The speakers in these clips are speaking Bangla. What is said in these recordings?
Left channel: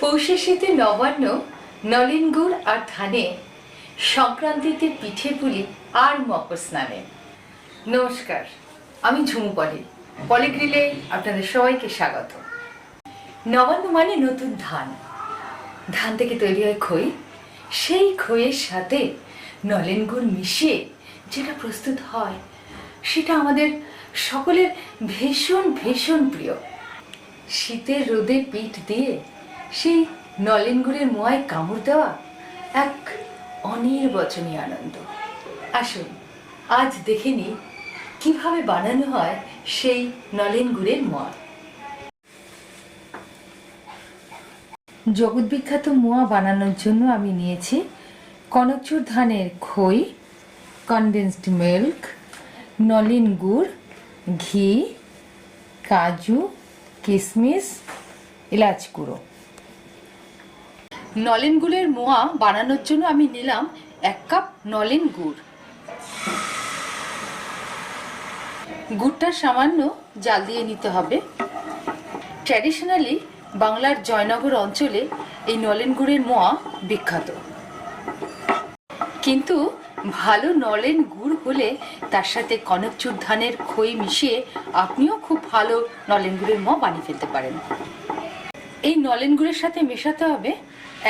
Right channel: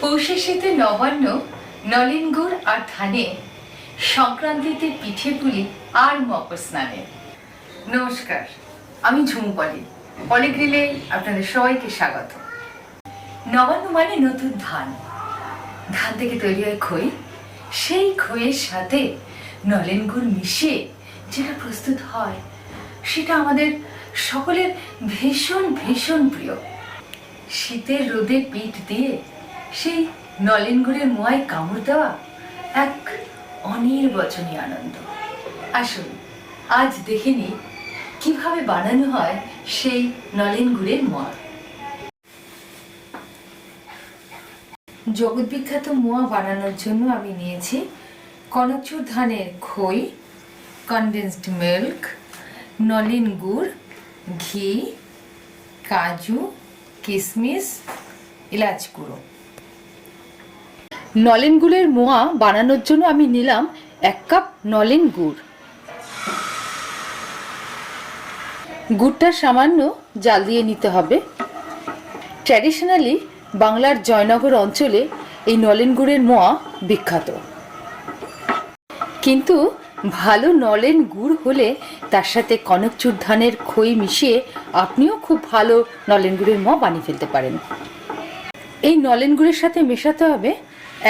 পৌষে শীতে নবান্ন, নলেন গুড় আর ধানে, সংক্রান্তিতে পিঠে পুলি আর মকর স্নানে। নমস্কার, আমি ঝুমু পলি, পলিগ্রিলে আপনাদের সবাইকে স্বাগত। নবান্ন মানে নতুন ধান। ধান থেকে তৈরি হয় খই। সেই খইয়ের সাথে নলেন গুড় মিশিয়ে যেটা প্রস্তুত হয়, সেটা আমাদের সকলের ভীষণ ভীষণ প্রিয়। শীতের রোদে পিঠ দিয়ে সেই নলেন গুড়ের মোয়ায় কামড় দেওয়া এক অনির্বচনীয় আনন্দ। আসুন আজ দেখে নিই কিভাবে বানানো হয় সেই নলেন গুড়ের মোয়া। জগৎ বিখ্যাত মোয়া বানানোর জন্য আমি নিয়েছি কনকচুর ধানের খই, কনডেন্সড মিল্ক, নলেন গুড়, ঘি, কাজু, কিশমিশ, এলাচ গুঁড়ো। নলেন গুড়ের মোয়া বানানোর জন্য আমি নিলাম 1 কাপ নলেন গুড়। গুড়টা সামান্য জাল দিয়ে নিতে হবে। ট্র্যাডিশনালি বাংলার জয়নগর অঞ্চলে এই নলেন গুড়ের মোয়া বিখ্যাত, কিন্তু ভালো নলেন গুড় হলে তার সাথে কনকচুর ধানের খই মিশিয়ে আপনিও খুব ভালো নলেন গুড়ের মোয়া বানিয়ে ফেলতে পারেন। এই নলেন গুড়ের সাথে মেশাতে হবে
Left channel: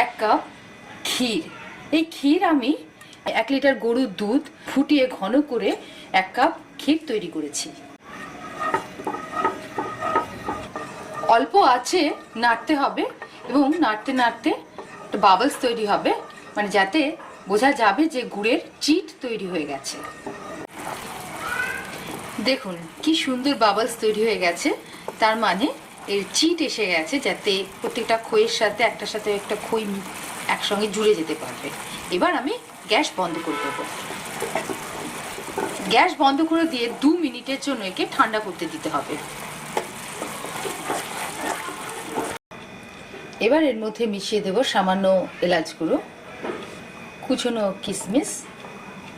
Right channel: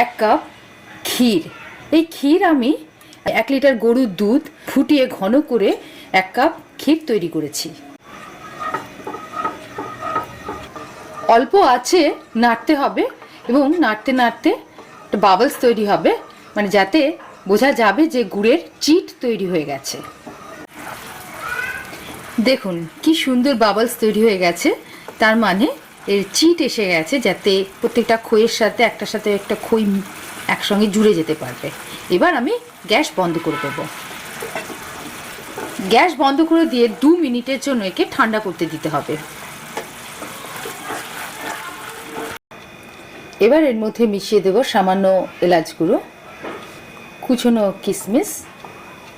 1 কাপ ক্ষীর। এই ক্ষীর আমি 1 লিটার গরুর দুধ ফুটিয়ে ঘন করে 1 কাপ ক্ষীর তৈরি করেছি। অল্প আছে নাড়তে হবে এবং নাড়তে নাড়তে বাবলস তৈরি হবে, মানে যাতে বোঝা যাবে যে গুড়ের চিট তৈরি হয়ে গেছে। দেখুন কি সুন্দর বাবলস তৈরি হয়ে গেছে, তার মানে এর চিট এসে গেছে, যাতে প্রত্যেকটা খইয়ের সাথে একটার সাথে একটা খই একসঙ্গে জুড়ে যেতে পারবে। এবার আমি গ্যাস বন্ধ করে দেবো। গ্যাস বন্ধ করে দিয়ে 2 মিনিটের জন্য একে ঠান্ডা করতে দিতে হবে। এবার এর মধ্যে মিশিয়ে দেব সামান্য এলাচ গুঁড়ো, কুচনো কিশমিশ,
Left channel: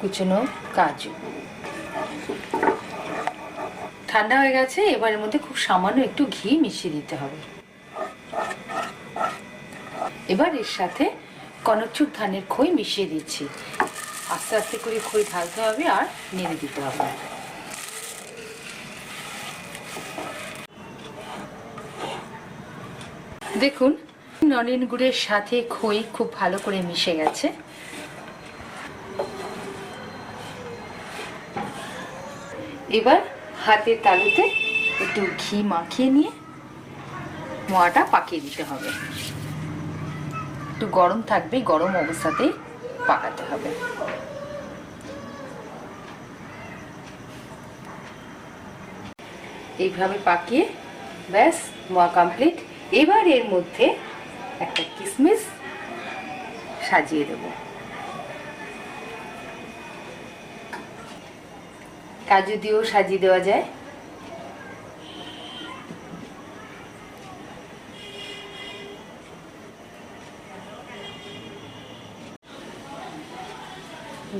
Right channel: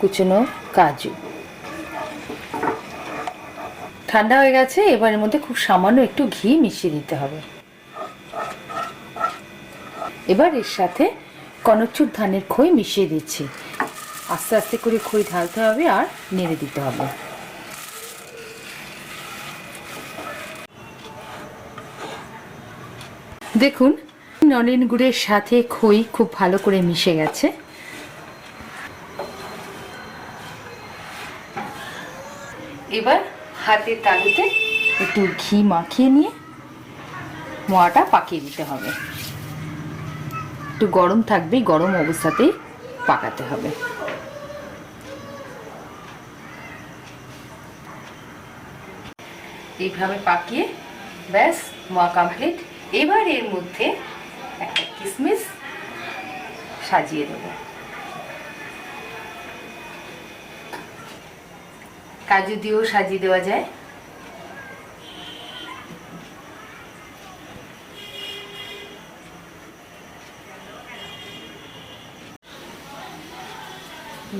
কুচনো কাজু। ঠান্ডা হয়ে গেছে, এবার এর মধ্যে খুব সামান্য একটু ঘি মিশিয়ে দিতে হবে। এবার এর সাথে কনকচুর ধানের খই মিশিয়ে দিচ্ছি। আস্তে আস্তে করে খই ঢালতে হবে আর নেড়ে দিতে হবে। দেখুন নলেন গুড়ের সাথে খই খুব ভালো করে মিশে গেছে। এবার হাতের তালুতে একটু ঘি মাখিয়ে নিয়ে মোয়াটা পাকিয়ে দিতে হবে। একটু গরম থাকবে, গরম অবস্থাতেই পাকাতে হবে। এইভাবে পাকিয়ে ব্যাস মোয়া কমপ্লিট। এবার এর মধ্যে একটা কিশমিশ সাজিয়ে দেব। কাজু দিয়েও সাজিয়ে দেওয়া যায়।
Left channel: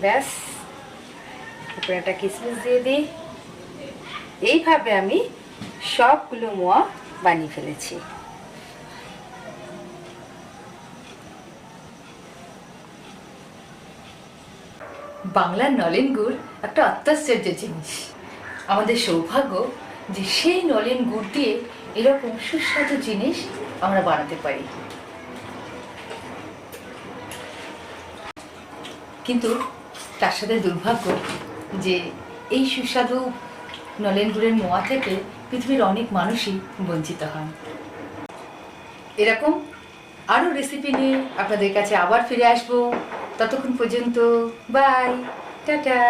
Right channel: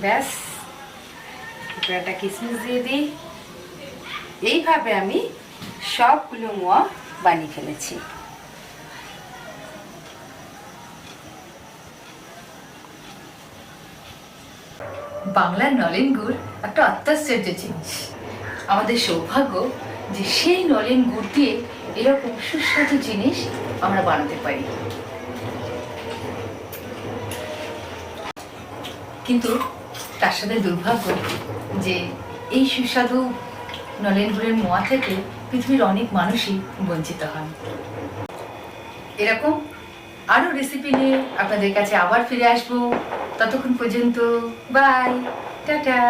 ব্যাস উপরে একটা কিশমিশ দিয়ে দিই। এইভাবে আমি সবগুলো মোয়া বানিয়ে ফেলেছি। বাংলার নলেন গুড় একটা অত্যাশ্চর্য জিনিস। আমাদের সৌভাগ্য যে সেই নলেন গুড় দিয়ে এরকম সুস্বাদু জিনিস আমরা বানাতে পারি। কিন্তু তার সাথে দুর্ভাগ্য যে এই সুস্বাদু নলেন গুড়ের মোয়া থেকে পৃথিবীর অনেক মানুষই বঞ্চিত হন। এরকম আরো রেসিপি নিয়ে আপনাদের কাছে আবার ফিরে আসবো। ততক্ষণ পর্যন্ত বাই, টাটা।